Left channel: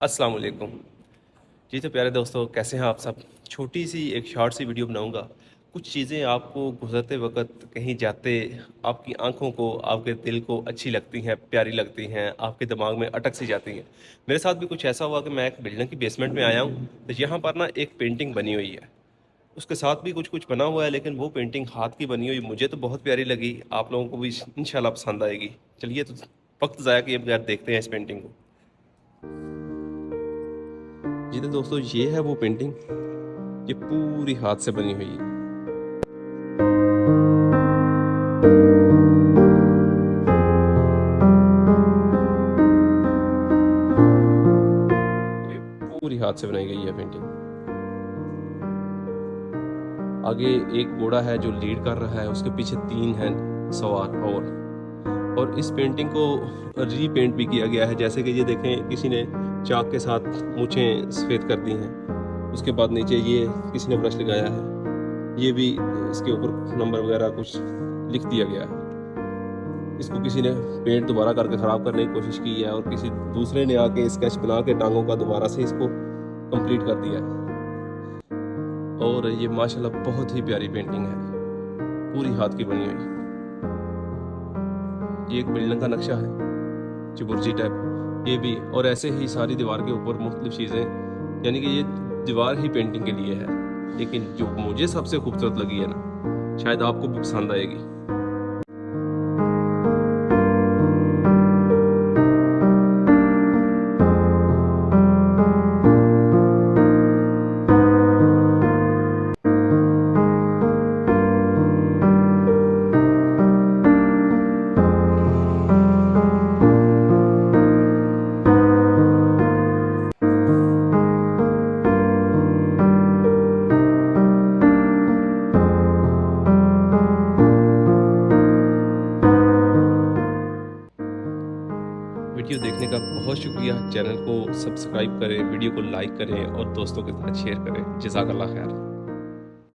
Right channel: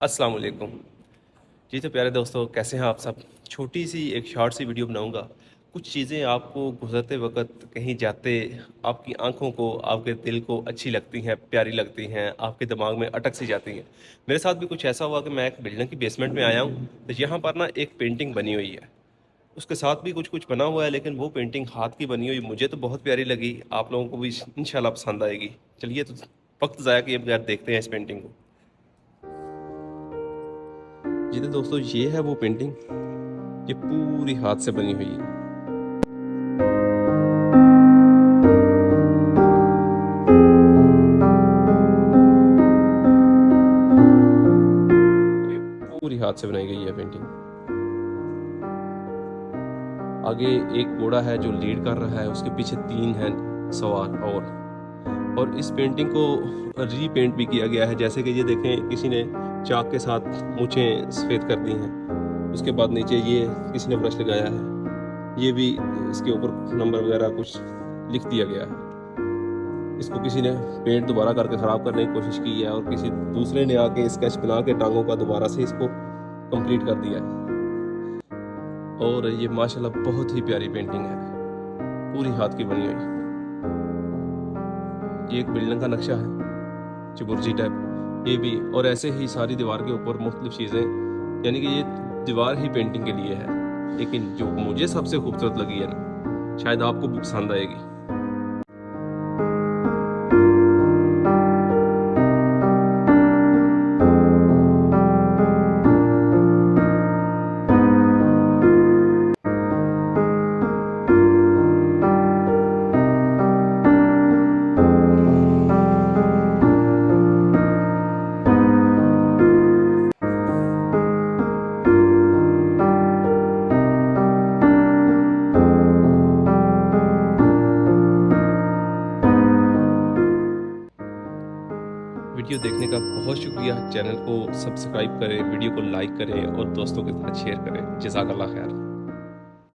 अस्सलाम वालेकुम। जी तो प्यारे दोस्तों, कैसे हैं आप सब। छोटी सी एक शॉर्ट सी वीडियो बनाऊंगा। कुछ चीज़ें आपको गुजरते वक्त कहीं जाते आपकी आंखों को, आपके दिल को अच्छी लगती हैं, प्यारी लगती हैं, आपके दिमाग में अटक सी जाती हैं। मेरे साथ भी कुछ ऐसा हुआ कि मैं एक बिल्डिंग की बेसमेंट में आया हूँ, तो यहाँ पर ना एक पेंटिंग बनी हुई है। उसके साथ भी कुछ कुछ बना हुआ है, लेकिन वो पेंटिंग हाथ की बनी हुई मुझे तो बहुत प्यारी लगी। आप लोगों को भी इंशाल्लाह पसंद आएगी। चलिए तो वक्त ज़ाया किए बगैर देखते हैं इस पेंटिंग को। जी तो दोस्तों, ये है वो पेंटिंग, ये पूरी हाथ से बनी हुई है। ये पूरी हाथ से बनाई गई है पेंटिंग। आगे एक घोड़ा है जो लीड कर रहा है, उसके पीछे 3 हैं सवार। और इस पेंटिंग को रीपेंट भी किया गया है। जैसे कि ये देखें, किसी ने चाक के साथ मूछें सफ़ेद कर दी हैं। उसके बाद नीचे ये किसी ने ब्रश लगाया है, ये भी इसके ऊपर नंबर वगैरह कुछ लिख दिया गया है। इसको किसी ने पेंट दोबारा करके ख़राब करने की कोशिश की है, और किसी दूसरे ने आके स्केच बना के टांगों का दोबारा से इसको कंप्लीट कर दिया है। और ये माशाल्लाह बहुत ही प्यारी पेंटिंग है, पूरी हाथ की बनी हुई। ये एक बिल्डिंग का नक्शा है, चुबुर्जी टाइप, ये भी। और ऐसे ही सारी दीवार के ऊपर मुख्तलिफ चीज़ें, यानी कि ये दीवार ही पेंटिंग के लिए है। लेकिन जो मुझे सबसे खूबसूरत लगी है ना, शायद आपको भी पसंद आएगी। वीडियो देखने का बहुत शुक्रिया। चैनल को सब्सक्राइब करें, वीडियो को लाइक करें और दोस्तों के साथ शेयर करें। जज़ाकल्लाह खैर।